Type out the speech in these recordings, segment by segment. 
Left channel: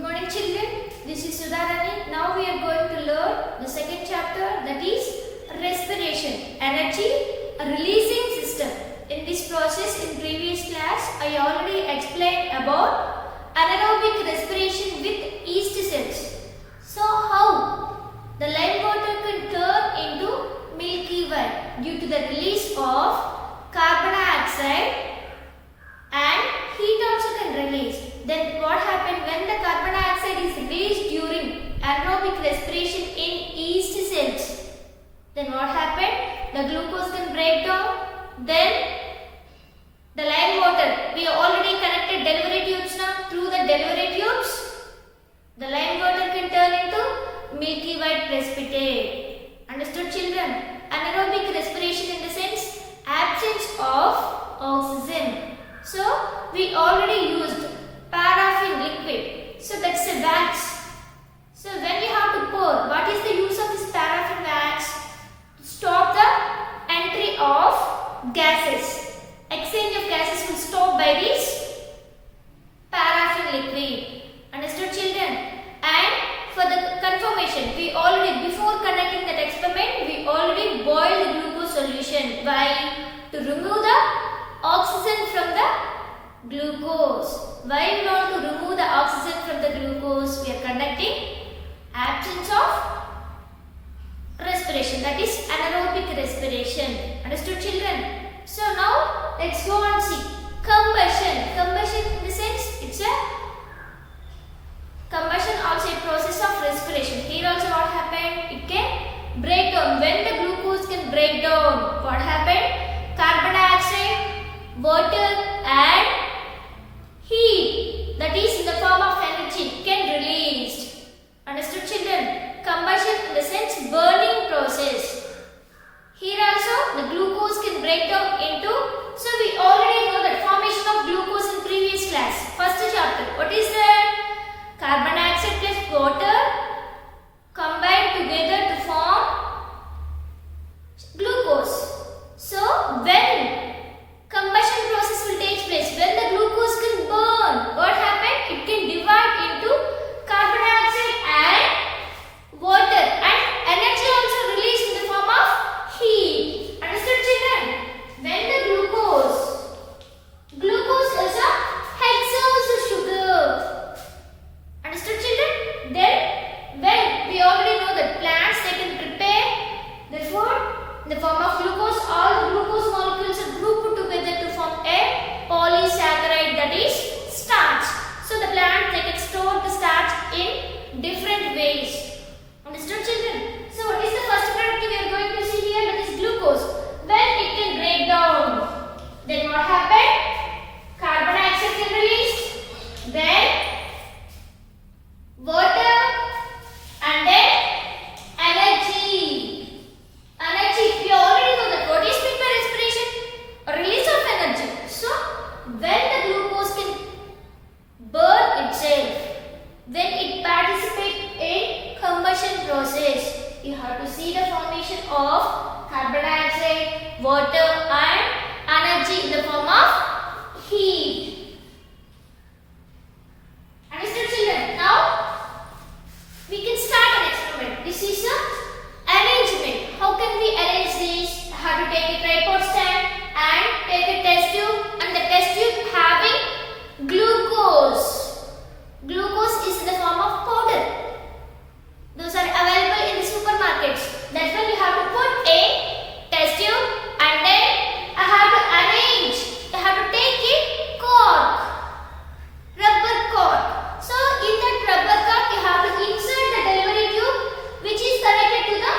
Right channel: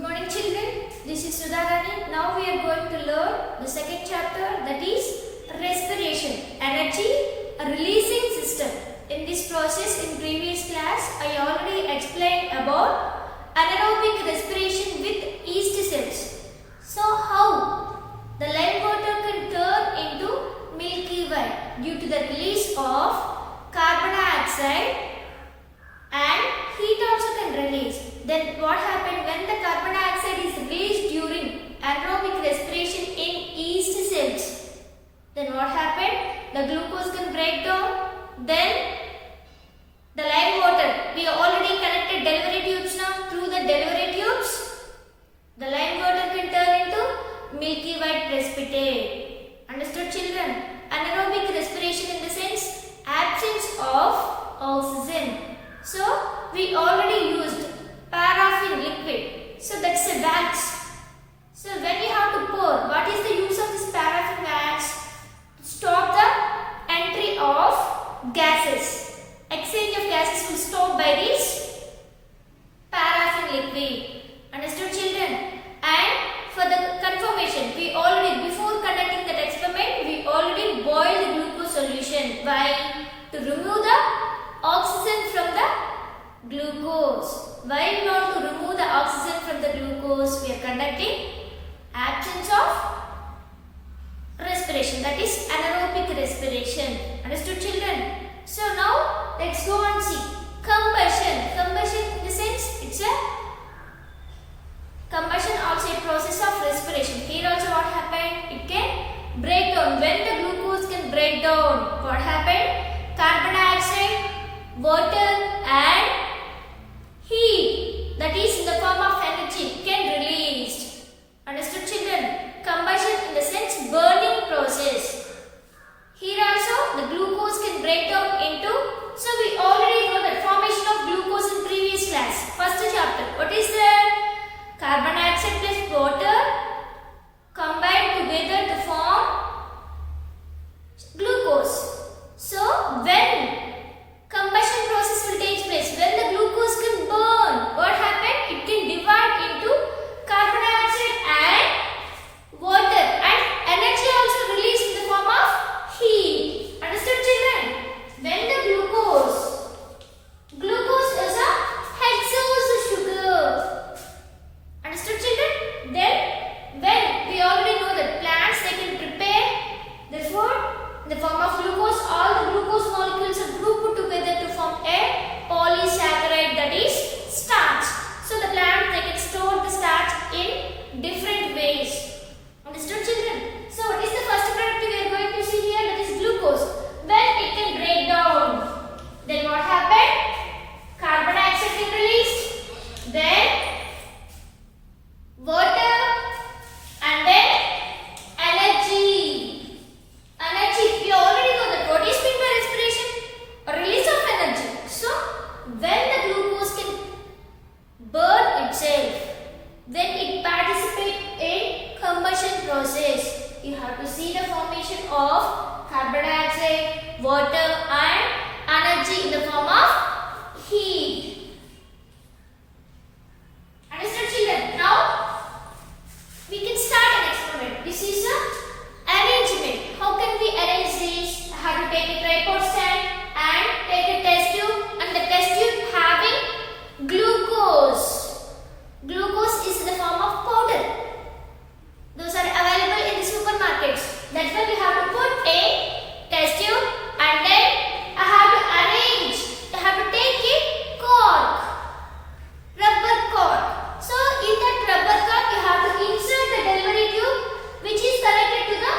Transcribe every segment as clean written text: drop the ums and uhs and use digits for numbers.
Good morning children, this is Sudha Rani. Now we are going to learn the second chapter, that is respiration, energy releasing system. In this process in previous class I already explained about anaerobic respiration with yeast cells. So how the lime water can turn into milky white due to the release of carbon dioxide and heat also can release. Then what happened when the carbon dioxide is released during anaerobic respiration in yeast cells? Then what happened? The glucose can break down. Then the lime water, we already connected delivery tubes now. Through the delivery tubes, the lime water can turn into milky white precipitate. Understood children? Anaerobic respiration in the sense absence of oxygen. So we already used paraffin liquid. So that's a wax. So when we have to pour, what is the use of this paraffin wax? To stop the entry of gases. Exchange of gases will stop by this paraffin liquid. Understood children? And for the confirmation, we already, before conducting that experiment, we already boiled the glucose solution. Why? To remove the oxygen from the glucose. Why we want to remove the oxygen from the glucose? We are conducting absence of respiration, that is anaerobic respiration. Understood children? So now let's go and see combustion. Combustion in the sense it's a combustion also a process of respiration. Here also what happened? It can break down. When the glucose can break down, what happened? Carbon dioxide, water and heat, that is in the form of energy, can released. Understood children? Combustion in the sense burning process. Here also the glucose can break down into, so we already know that formation of glucose in previous class. First chapter, what is that? Carbon dioxide plus water combined together to form glucose. So when combustion process will take place, when the glucose can burn, what happened? It can divide into carbon dioxide and water, and energy also released in the form of heat. Understood children? When the glucose is a hexose sugar. Understood children? Then when we already know that plants they can prepare the food in the form of glucose, all the glucose molecules are grouped together to form a polysaccharide, that is starch. So the plant they can store the starch in different ways. Understood children? So what is the first product we are going to see here? That is glucose. When it can break down, then what happened? Carbon dioxide is released, then water and then energy. Energy, we already know that what is meant by respiration? A release of energy. So when the glucose can burn itself, when it participates in combustion process, you have to see the formation of carbon dioxide, water and energy in the form of heat. Understood children? Now we can start an experiment. This is a arrangement. How can we arrange this? I have to take a tripod stand and take a test tube, and the test tube having glucose. Glucose is in the form of powder. Those are available in the supermarkets. That's why you have to put a test tube and then I have to arrange. You have to take a cork, rubber cork. So in that rubber cork you have to insert the delivery tube which is connected to the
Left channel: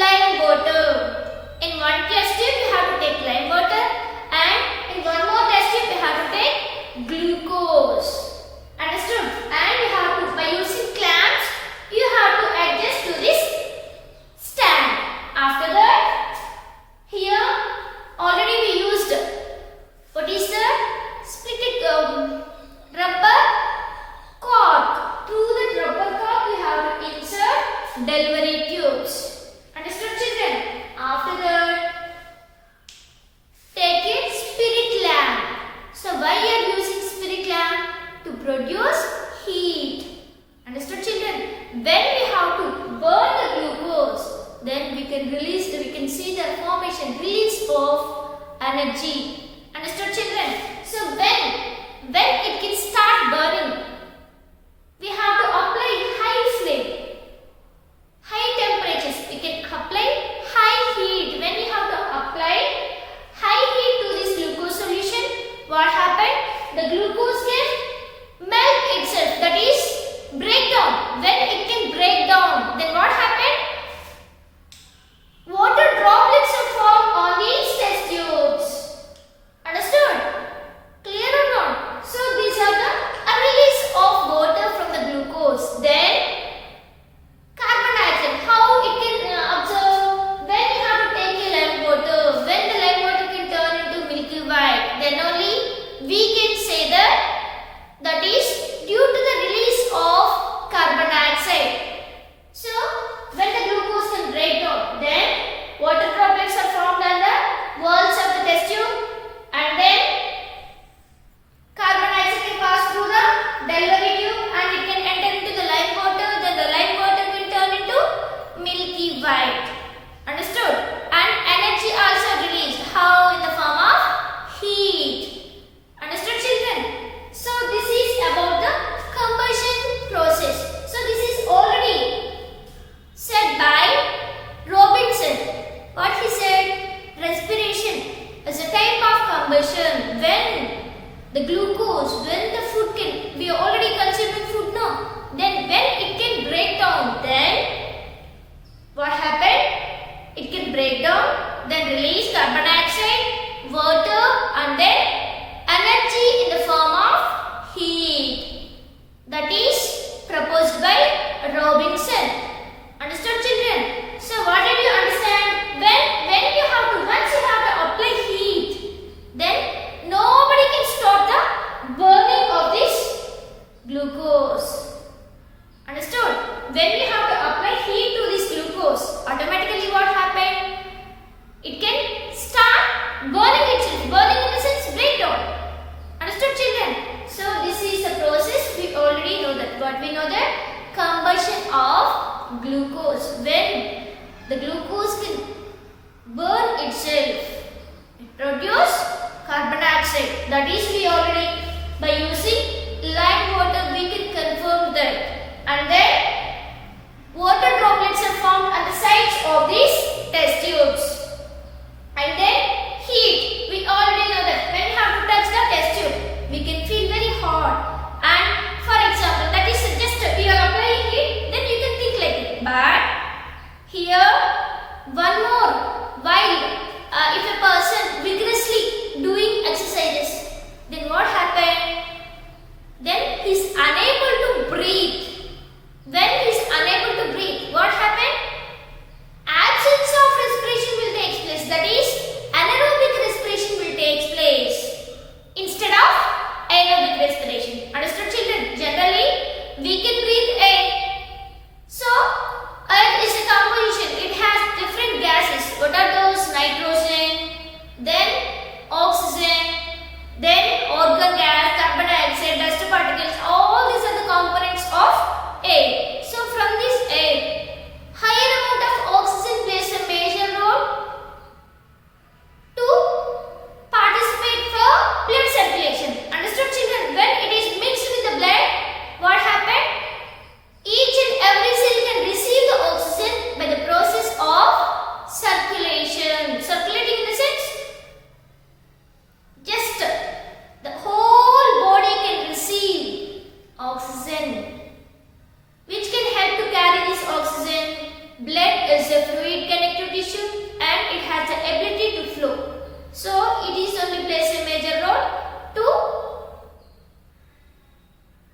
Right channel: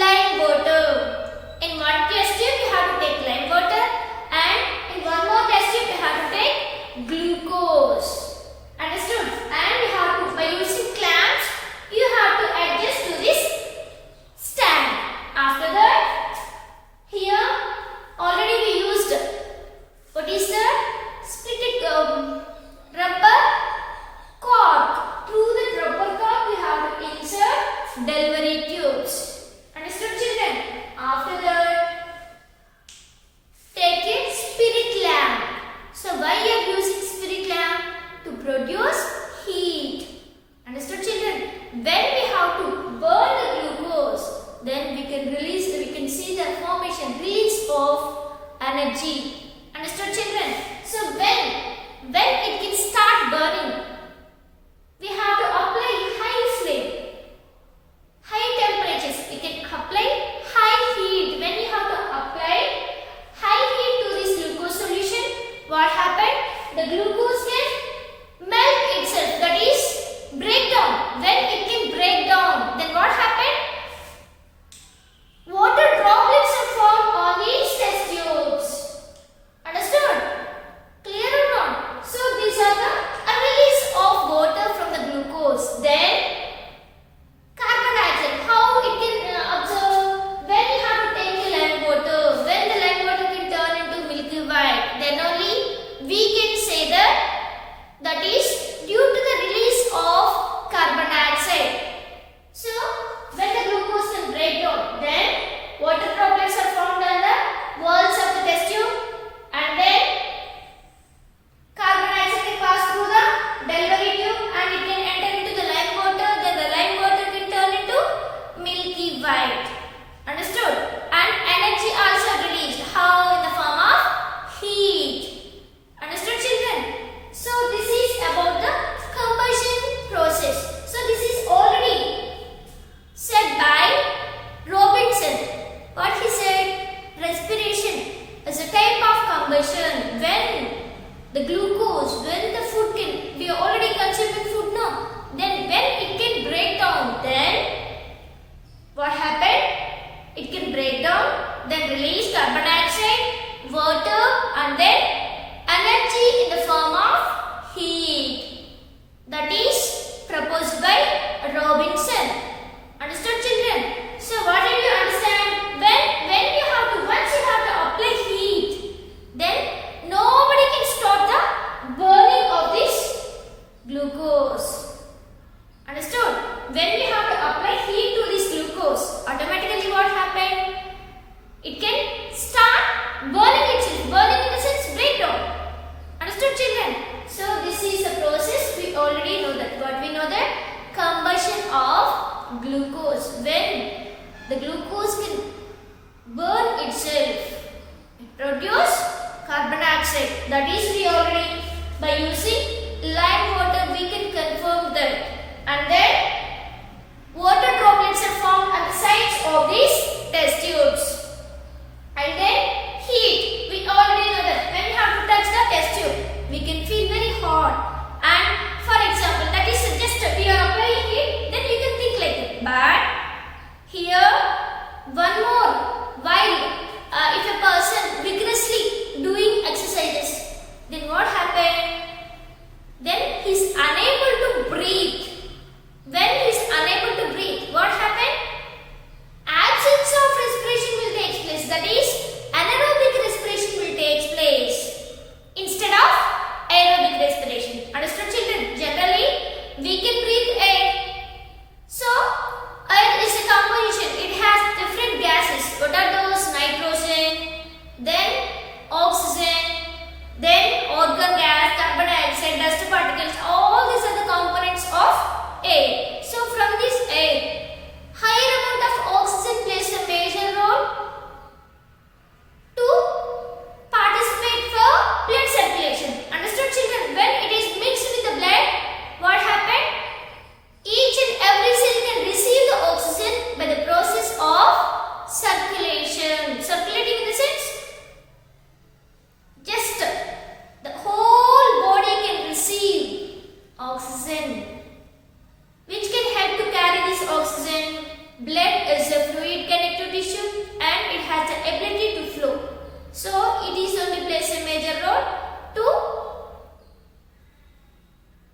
lime water. In one test tube you have to take lime water and in one more test tube you have to take glucose. Understood? And you have to, by using clamps, you have to adjust to this stand. After that, here already we used, what is that? Split rubber cork. Through the rubber cork we have to insert delivery tubes. Understood children? After that, take a spirit lamp. So why you are using spirit lamp? To produce heat. energy. Understood, children? So when it can start burning, we have to apply high flame, high temperatures. We can apply high heat. When you have to apply high heat to this glucose solution, what happened? The glucose can melt itself, that is break down. When it can break down, then what happened? Water droplets are formed on these test tubes. Understood? Clear or not? So these are the release of water from the glucose. Then carbon dioxide. How it can observe? When you have to take a lime water, when the lime water can turn into milky white, then only we can say that is due to the release of carbon dioxide. So when the glucose can break down, then water droplets are formed on the walls of the test tube, and then carbon dioxide can pass through the delivery tube and it can enter into the lime water. Then the lime water can turn into milky white. Understood? And energy also released. How? In the form of heat. Understood, children? So this is about the combustion process. So this is already said by Robinson. What he said? Respiration is a type of combustion when the glucose, when the food can, we are already consuming food now, then when it can break down, then what happened? It can break down, then release carbon dioxide, water, and then energy in the form of heat. That is proposed by Robinson. Understood, children? So what did you understand? When you have to, once you have to apply heat, then nobody can stop the burning of this glucose. Understood? When you have to apply heat to this glucose, automatically what happened? It can start burning itself. Burning in the sense breakdown. Understood, children? So this is a process, we already know that. What we know that? Combustion of glucose. When the glucose can burn itself, it produces carbon dioxide. That is, we already, by using lime water, we can confirm that. And then water droplets are formed on the sides of these test tubes. And then heat. We already know that when we have to touch the test tube, we can feel very hot. And for example, that is just we are applying heat, then you can think like that. But here, one more. While if a person vigorously doing exercises, then what happened? Then he is unable to breathe. When he is unable to breathe, what happened? Absence of respiration will take place. That is, anaerobic respiration will take place instead of aerobic respiration. Understood, children? Generally, we can breathe air. So, air is a composition. It has different gases. What are those? Nitrogen, then oxygen, then argon gas, carbon dioxide, dust particles. All these are the components of air. So, from this air, higher amount of oxygen plays a major role to participate for blood circulation. Understood, children? When it is mixed with the blood, what happened? Each and every cell can receive the oxygen by the process of circulation. Circulating in the sense, just the whole body can receive oxygen, which can help to carry this oxygen. Blood is a fluid connective tissue and it has the ability to flow. So, it is only plays a major role to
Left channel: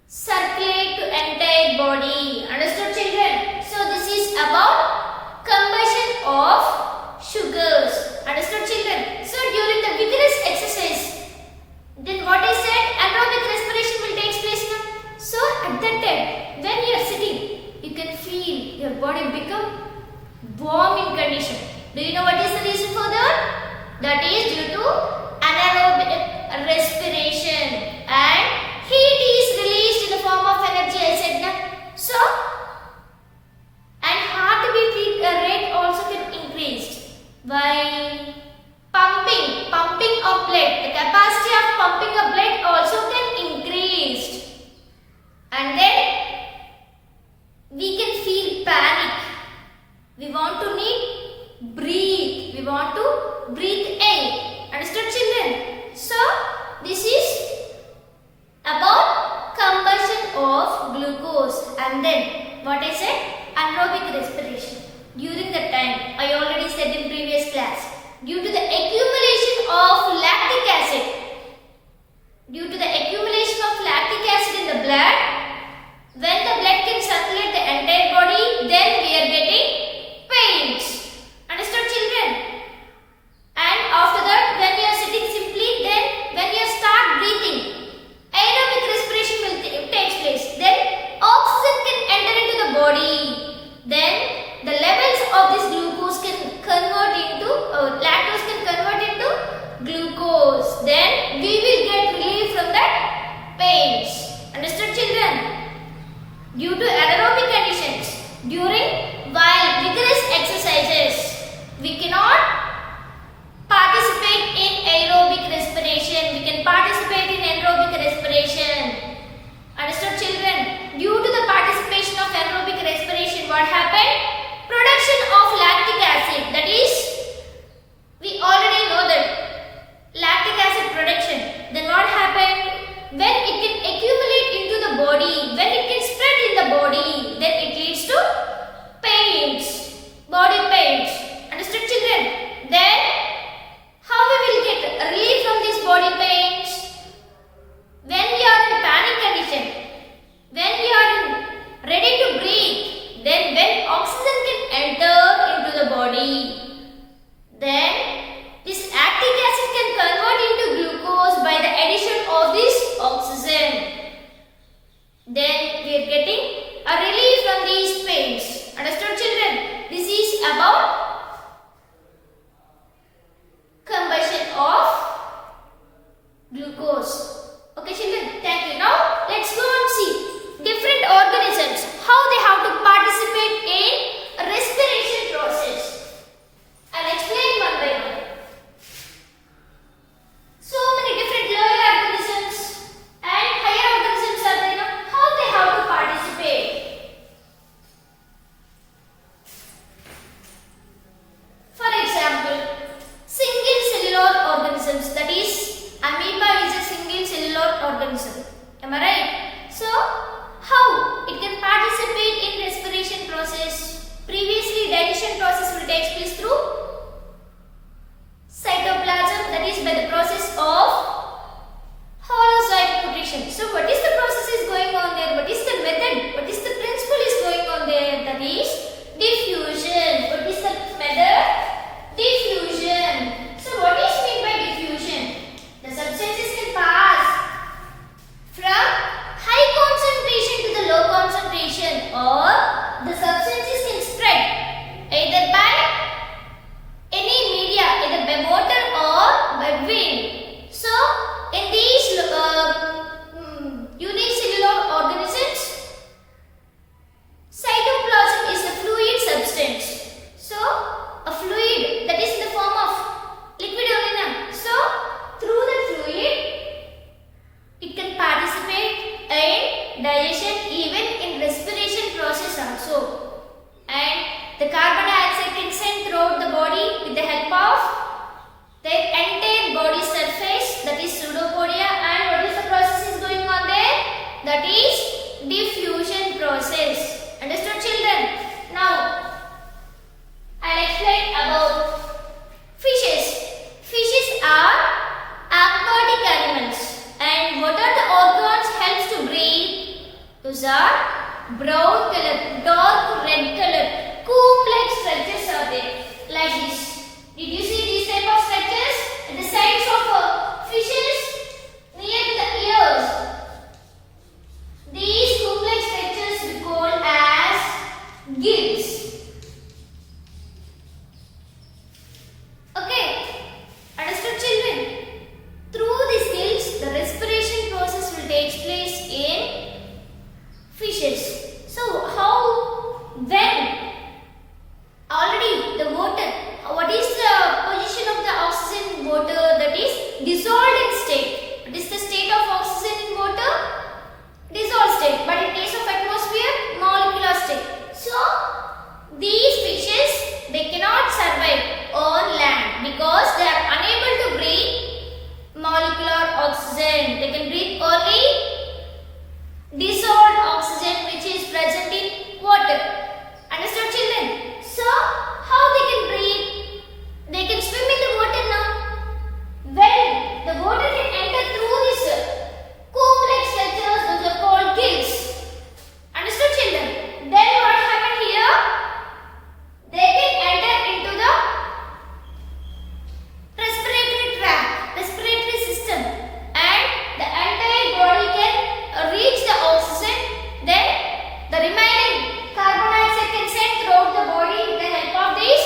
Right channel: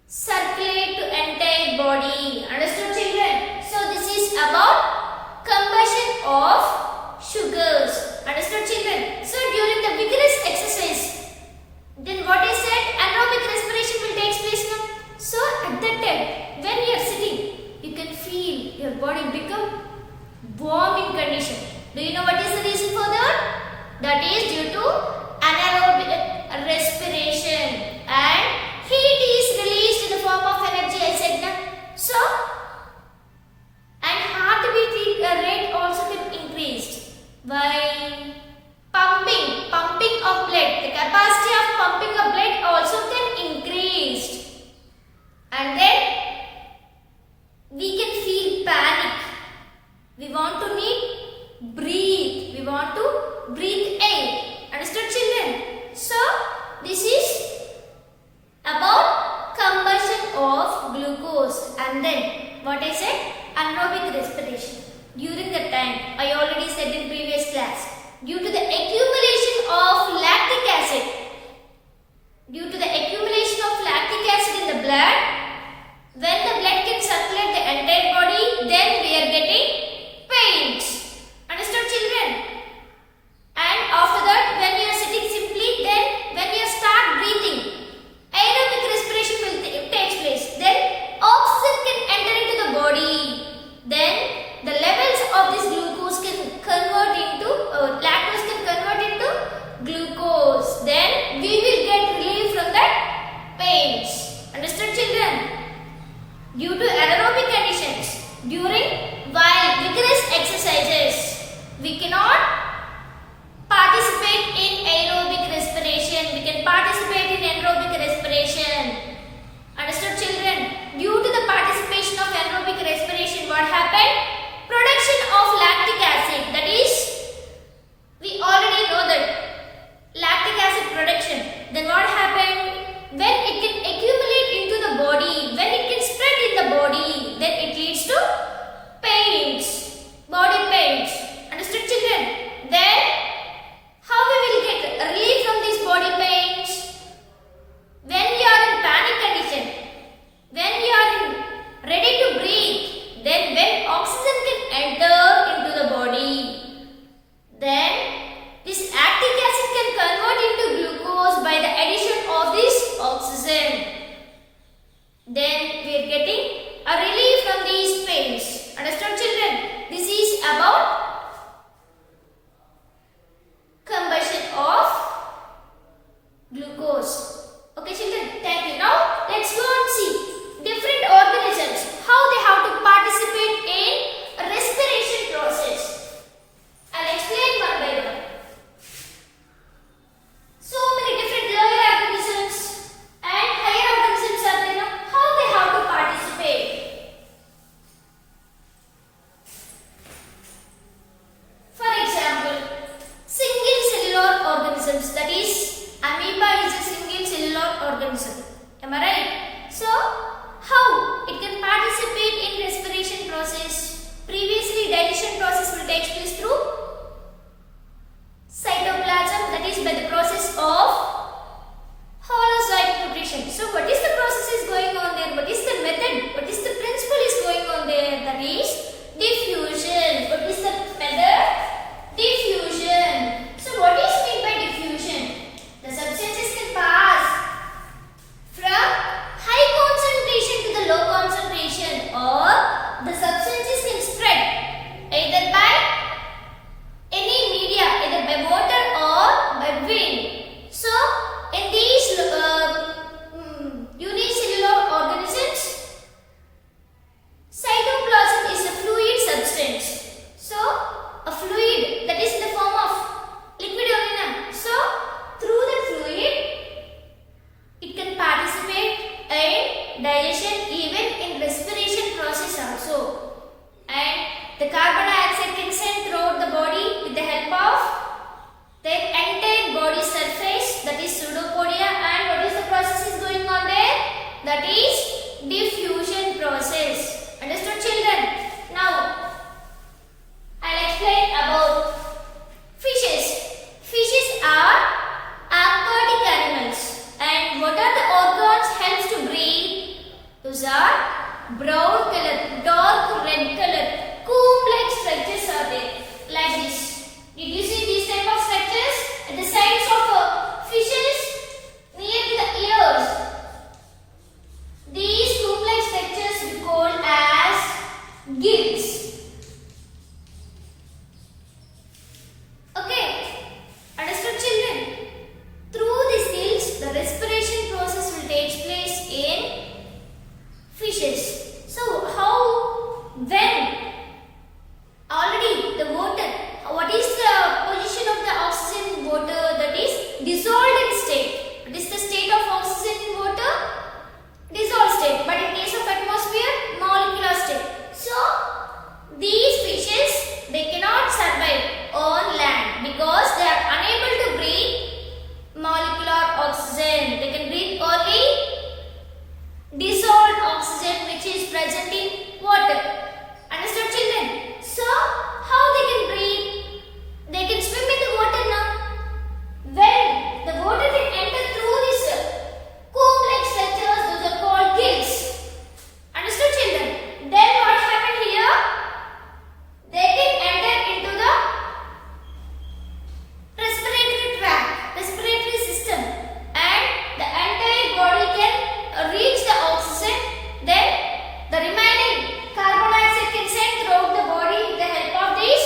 circulate to entire body. Understood, children? So, this is about combustion of sugars. Understood, children? So, during the vigorous exercise, then what is said? Anaerobic respiration will take place now. So, at that time, when you are sitting, you can feel your body become warm in condition. Do you know what is the reason for that? That is due to anaerobic respiration, and heat is released in the form of energy, I said now. So, and heartbeat rate also can increase by pumping capacity of pumping of blood also can increase. And then we can feel panic. We want to need breathe. We want to breathe air. Understood, children? So this is about combustion of glucose. And then what I said? Anaerobic respiration. During that time, I already said in previous class, due to the accumulation of lactic acid, in the blood, when the blood can circulate the entire body, then we are getting pains. Understood, children? And after that, when you are sitting simply, then when you start breathing, aerobic respiration will take place. Then oxygen can enter into the body. Then the levels of this glucose can convert into, lactose can convert into glucose. Then we will get relief from that pains. Understood, children? Due to anaerobic conditions, while vigorous exercises, we cannot participate in aerobic respiration. We can participate in anaerobic respiration. Understood, children? Due to the participation of anaerobic respiration, what happened? Production of lactic acid. That is, we already know that lactic acid production. Then what happened? When it can accumulate into the body, when it can spread in the body, then it leads to pains, body pains. Understood, children? Then how we will get relief from these body pains? When you are in panic condition, when you are ready to breathe, then when oxygen can enter into the body, then this lactic acid can convert into glucose by the addition of this oxygen. Then we are getting a relief from these pains. Understood, children? This is about combustion of glucose. Okay, children, thank you. Now let's go and see different organisms, how they have to participate in respiration process. I'll explain one by one. So many different lower organisms and higher organisms are there. Now, how they have to participate? For example, single cellular organisms, that is, amoeba is a single cellular organism. Am I right? So, how it can participate in respiration process? Previously, digestion process will take place through cytoplasm, that is by the process of holozoic nutrition. So, what is the process is going on there? What is the method? What is the principle is going on there? That is diffusion. What is the method? Diffusion. So, what is meant by diffusion? The substances can pass from high concentration to the low concentration, or the substances can spread either by any media, either by water or by wind. So, in these unicellular organisms, cytoplasm is a fluid substance. So, a fluid that is in the form of liquid only now. So, through the fluid, it can participate in digestion, even in respiration process also. And the carbon dioxide can send throughout the body with the help of their entire body surface, that is pseudopodia. And what is the process is going on there? That is diffusion process. Understood, children? Now, I'll explain about fishes. Fishes are aquatic animals. And what are the organs helps to breathe? Those are brown color, dark red color, comb-like structures are there, like this. Did you see these type of structures at the sides of fishes near to the ears? These comb-like structures we call as gills. Okay, understood, children? Through these gills, the respiration process will take place in fishes. So, how, when state, but in case of atmosphere, molecular state. So these fishes, they cannot survive on land because they are unable to breathe molecular oxygen. They can breathe only dissolved oxygen which is present in water. Understood, children? So how they can breathe? They can swim in the water now. When the water can enter through this comb-like structures, those are called gills. Understood, children? Then what happened here? They can enter into the respiratory tract, respiratory system, and the entire body can reach the oxygen. Then the remaining carbon dioxide can send throughout the body with the help of this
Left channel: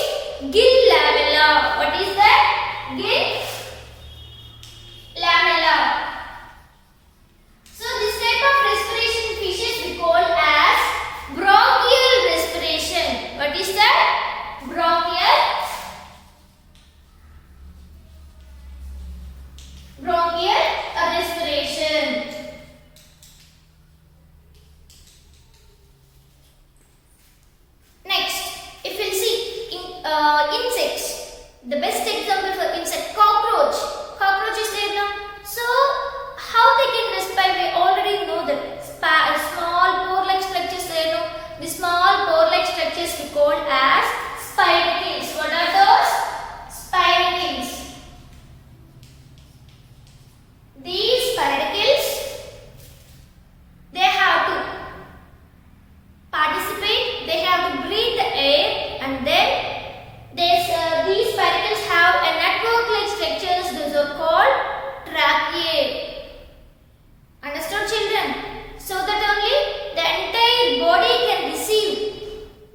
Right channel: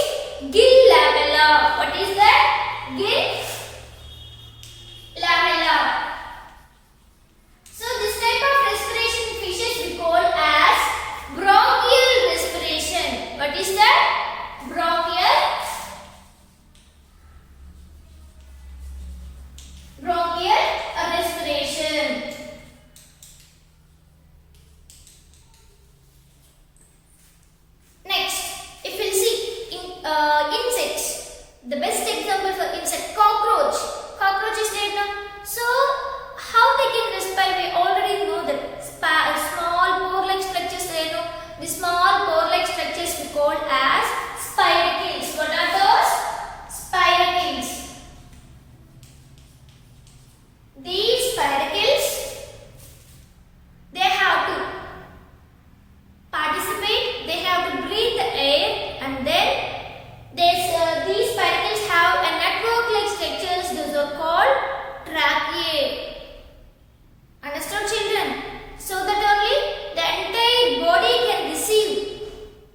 gill lamella. What is that? Gill lamella. So this type of respiration in fishes we call as bronchial respiration. What is that? Bronchial respiration. Next, if we see insects, the best example for insect, cockroach. Cockroach is there now. So how they can respire? We already know that small pore-like structures there now. The small pore-like structures we call as spiracles. What are those? Spiracles. These spiracles, they have to participate, they have to breathe the air, and then these spiracles have a network-like structures. Those are called tracheae. Understood, children? So that only the entire body can receive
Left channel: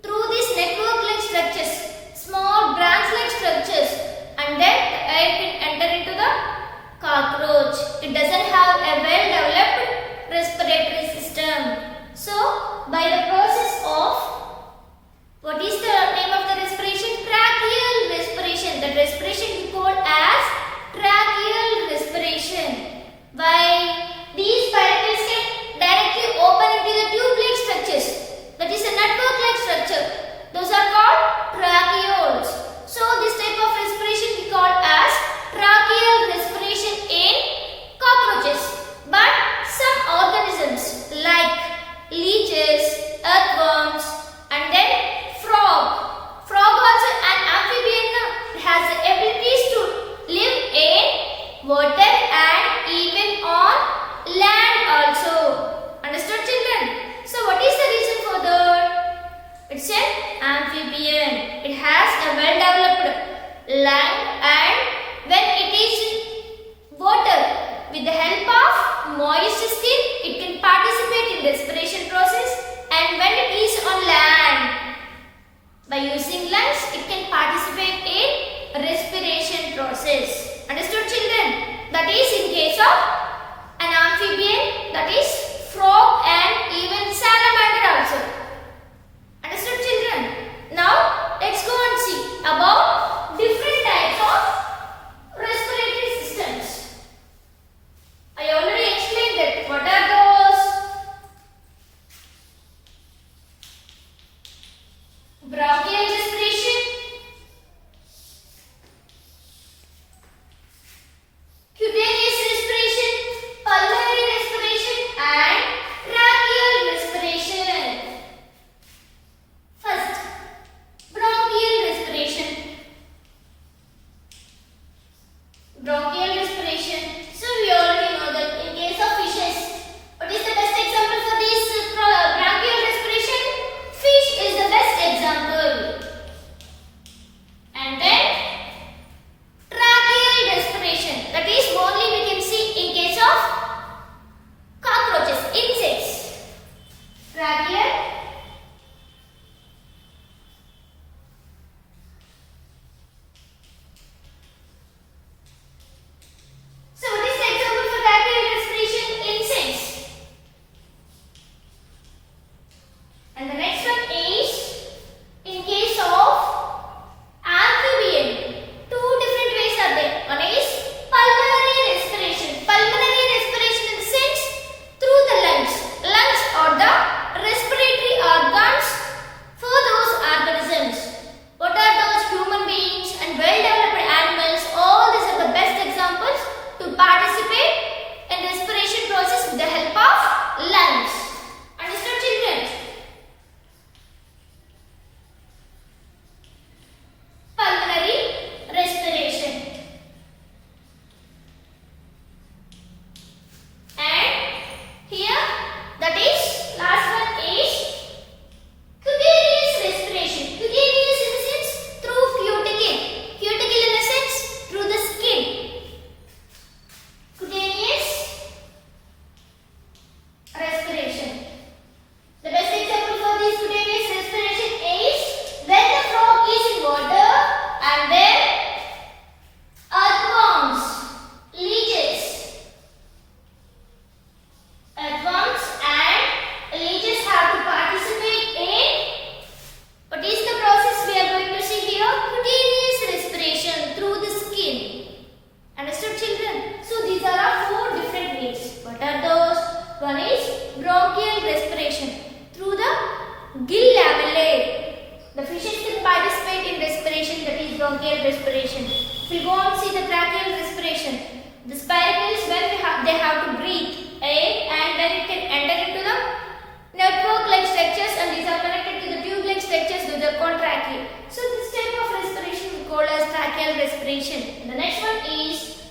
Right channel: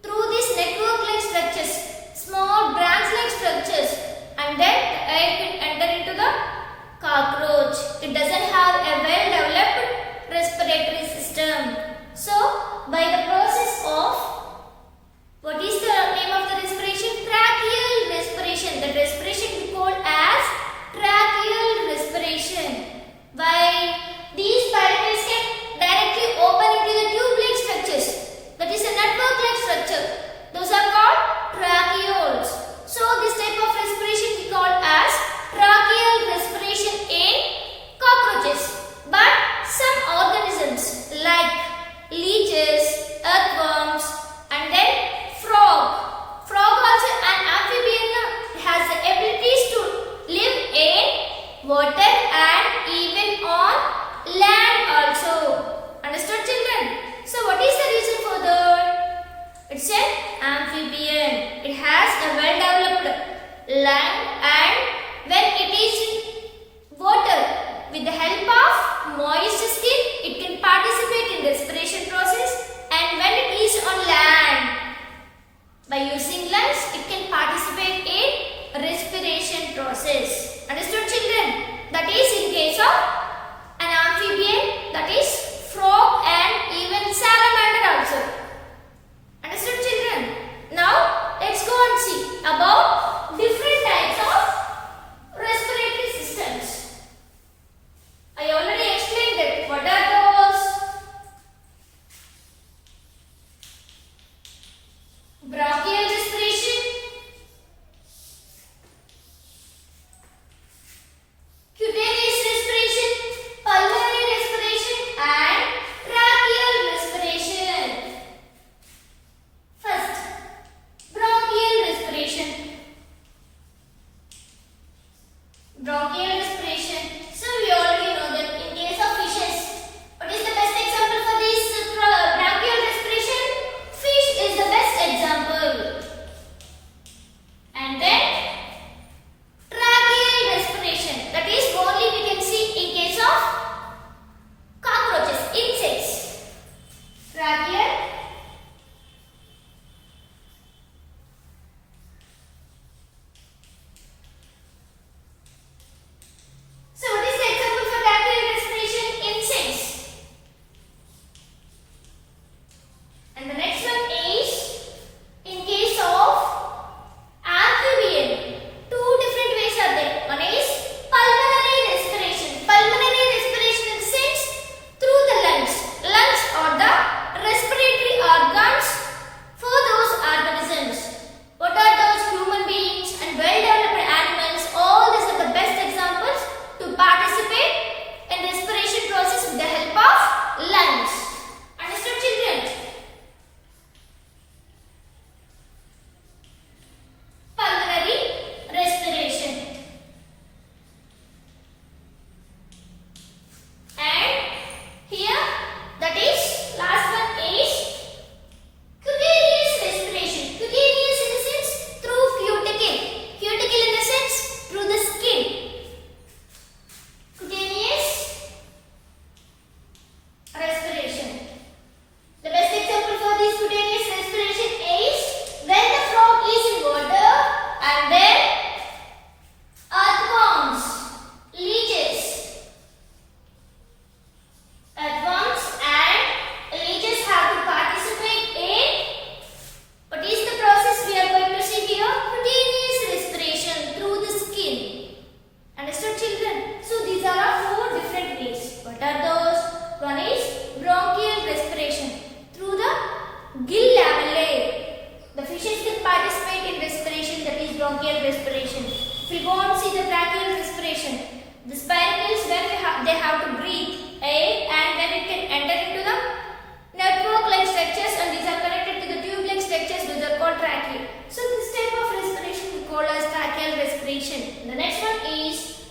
through these network-like structures, small branch-like structures, and then the air can enter into the cockroach. It doesn't have a well-developed respiratory system. So, by the process of, what is the name of the respiration? Tracheal respiration. The respiration we call as tracheal respiration. By these spiracles can directly open into the tube-like structures. That is a network-like structure. Those are called tracheoles. So, this type of respiration we call as tracheal respiration in cockroaches. But some organisms like leeches, earthworms, and then frog. Frog also an amphibian has the abilities to live in water and even on land also. Understood, children? So what is the reason for that? It's an amphibian. It has a well-developed lung, and when it is in water, with the help of moist skin, it can participate in respiration process, and when it is on land, by using lungs, it can participate in respiration process. Understood, children? That is in case of an amphibian, that is frog and even salamander also. Understood, children? Now, let's go and see about different types of respiratory systems. I already explained that. What are those? Bronchial respiration, cutaneous respiration, pulmonary respiration, and One is bronchial respiration through the gill lamellae. The fishes can participate in respiration, that is bronchial respiration. If we go on see the tracheal respiration, the spiracles when they have to breathe air and then it can enter into the network-like structures and these are connected to the tube-like structures which are called tracheae. So this type of respiration we call as tracheal respiration. The next one is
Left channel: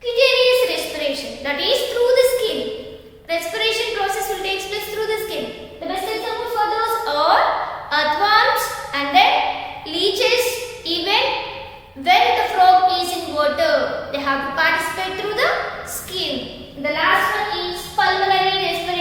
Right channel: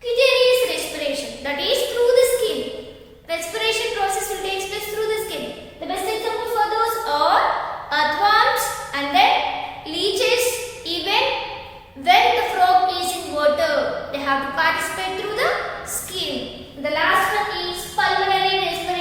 cutaneous respiration, that is through the skin. Respiration process will take place through the skin. The best example for those are earthworms and then leeches. Even when the frog is in water, they have to participate through the skin. The last one is pulmonary respiration.